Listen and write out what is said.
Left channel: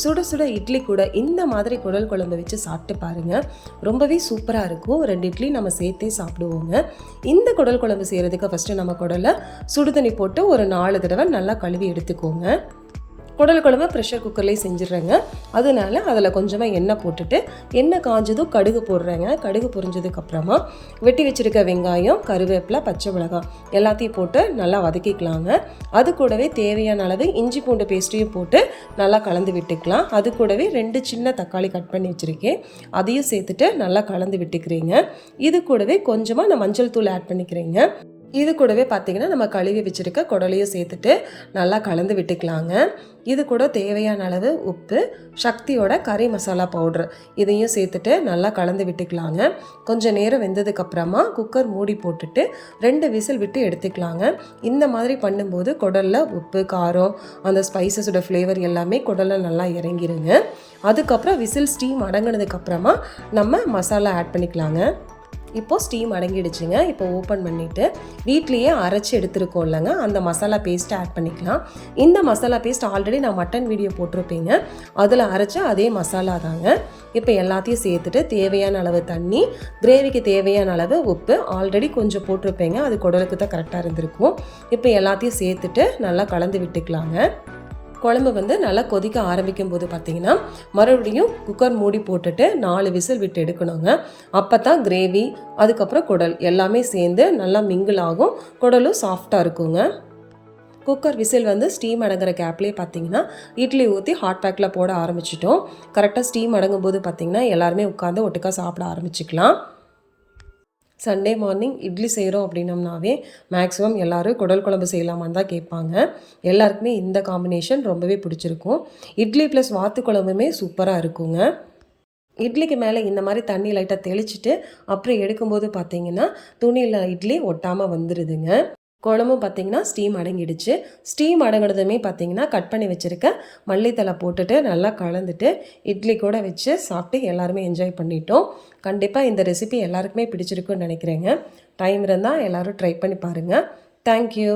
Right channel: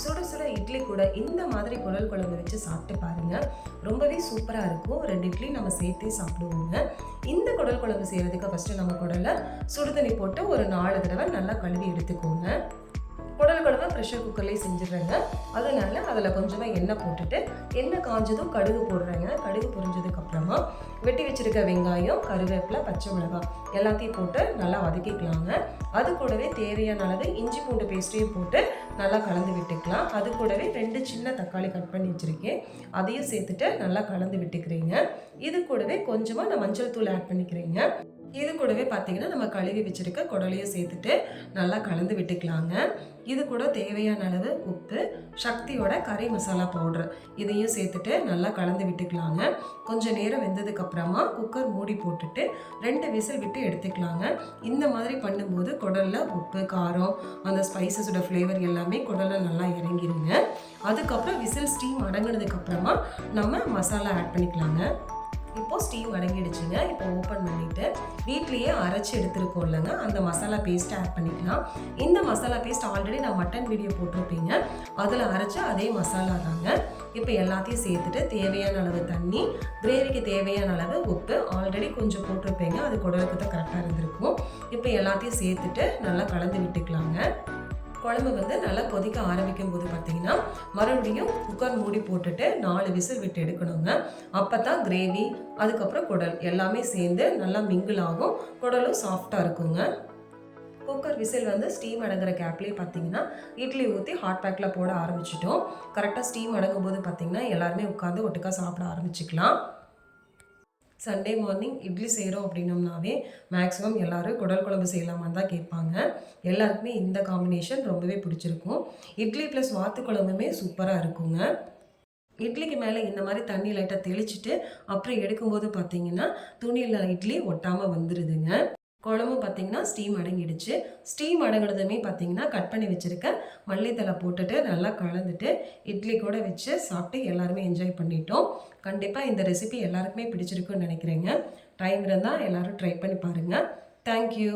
சுட சுட இட்லி கூட இந்த மாதிரி குடல் குழம்பு வச்சு சாப்பிட்டு பாருங்கள். ரொம்பவே சூப்பராக இருக்கும். 2 இட்லி நம்ம சேர்த்தே சாப்பிடுவோங்க. இந்த குடல் குழம்பு செய்கிறதுக்கு ஃபஸ்ட்டு நம்ம குடலை சுடுதண்ணி போட்டு ஒரு 4 தடவை நல்லா கழுவி எடுத்துக்கோங்க. குடல் குழம்பு ப்ரெஷர் குக்கர்லேயே செஞ்சிடுறேங்க. அதனால அதில் கொஞ்சமாக எண்ணெய் போட்டுட்டு எண்ணெய் காஞ்சதும் கடுகு போடுறேங்க. கடுகு பொரிஞ்சதுக்கப்புறமா வெட்டி வச்சுருக்க வெங்காயம், கருவேப்பிலை, பச்சை மிளகாய் எல்லாத்தையும் போட்டு நல்லா வதக்கிக்கலாங்க. அது கூடவே தேவையான அளவு இஞ்சி பூண்டு பேஸ்ட்டையும் போட்டு நல்லா கலந்து விட்டுக்கலாம். அது கூடவே 2 சின்ன தக்காளி கட் பண்ணி வச்சுருக்கேன், அதையும் சேர்த்துட்டு நல்லா கலந்து விட்டுக்கிறேங்க. இது கூடவே கொஞ்சமாக நான் மஞ்சள் தூள் ஆட் பண்ணிக்கிறேங்க. இது கூடவே பார்த்திங்கன்னா நம்ம கழுவி வச்சுருக்க குடலையும் சேர்த்துட்டு நல்லா கலந்து விட்டுக்கலாங்க. இது கூட தேவையான அளவு உப்பு, சக்தியோட கறி மசாலா பவுட்ரு இதையும் சேர்த்துட்டு நல்லா கலந்து விட்டுக்கலாங்க. கொஞ்சம் நேரம் வெந்ததுக்கப்புறமா குக்கர் மூடி போட்டுட்டு 2 விசில் விட்டு எடுத்துக்கலாங்க. இந்த மாதிரி பண்ணும்போது குடலில் உப்பு, காரம், அந்த ஸ்பைசஸோட ஃப்ளேவர் எல்லாமே குடலில் நல்லா இறங்கிருங்க. அதுக்கப்புறம் விசில் ஸ்டீம் அடங்கினதுக்கப்புறமா நம்ம மசாலா ஆட் பண்ணிக்கலாங்க. இப்போது ஸ்டீம் அடங்கிடுச்சுங்க. இப்போ ஓப்பன் பண்ணிவிட்டு வீட்லேயே அரைச்சி எடுத்துருக்கோம் இல்லைங்க, அந்த மசாலா பேஸ்ட்டை ஆட் பண்ணிக்கலாம். இந்த மசாலா பேஸ்ட் ஆல்ரெடி நான் மட்டன் வீடியோ போட்டிருப்பேங்க, அதில் அரைச்ச அதே மசாலா தாங்க. இப்போ எல்லாத்தையும் சேர்த்துட்டு தேவையான அளவு தண்ணி, கிரேவிக்கு தேவையான அளவு உப்பு ஆல்ரெடி கொஞ்சம் போட்டிருப்பேங்க, அது குடலுக்கு தான் கரெக்டாக இருந்திருக்கும். இப்போ எல்லாத்தையும் சேர்த்துட்டு நல்லா கலந்து விட்டுக்கலாங்க. குழம்பு நல்லா கொதிக்க ஆரம்பிக்கும் போது பார்த்திங்கன்னா மறுபடியும் குக்கர் மூடி போட்டுட்டு 4 விசில் விட்டு எடுக்கணுங்க. அப்போ தான் கிரேவி, அதுக்கப்புறம் குடல் எல்லாமே சேர்ந்து நல்லா மிங்கிள் ஆகும், குடலும் சாஃப்டாக இருக்குங்க. குக்கர் விசில் ஸ்டீம் அடங்குற கேப்லேயே பார்த்திங்கன்னா இட்லி ஊற்றி ஹாட் பேக்கில் போட ஆரம்பிச்சிட்டோம். கரெக்டாக ஸ்டீம் அடங்கும் போது பார்த்திங்கன்னா எல்லாருமே உட்காந்து ஒட்டுக்கா சாப்பிட ஆரம்பிச்சிக்கலாம். சண்டே மார்னிங் இட்லி செய்கிறோம் அப்படின்னம்னாவே மேக்ஸிமம் எல்லோரும் குடல் குழம்பு செய்யலாமான்னு தான் கேட்பாங்க. எல்லாருக்குமே இந்த காம்பினேஷன் ரொம்பவே பிடிச்சிருக்கும். இட்லி ப்ளஸ் வாத்து குழம்புமே சூப்பராக இருக்குங்க. இட்லிக்கு மேலே இந்த மாதிரி தண்ணி லைட்டாக தெளிச்சிட்டு அப்புறம் எடுக்கும்போது பார்த்திங்கன்னா துணியில் இட்லி ஒட்டாமல் வந்துடுதுங்க. குழம்பும் பார்த்திங்கன்னா ஸ்டீம் அடங்கிடுச்சு. ஸ்டீம் அடங்கினதுமே பார்த்திங்கன்னா கட் பண்ணி வச்சுருக்க மல்லித்தலை போட்டுட்டு நல்லா கலந்துட்டு இட்லி கூட வச்சு சாப்பிட்டு எல்லாருமே என்ஜாய் பண்ணிட்டோம். கண்டிப்பாக இந்த ரெசிபி எல்லாருக்குமே பிடிச்சிருக்குன்னு நினைக்கிறேங்க. டைம் இருந்தால் எல்லோரும் ட்ரை பண்ணி பாருங்கள். தேங்க்யூ.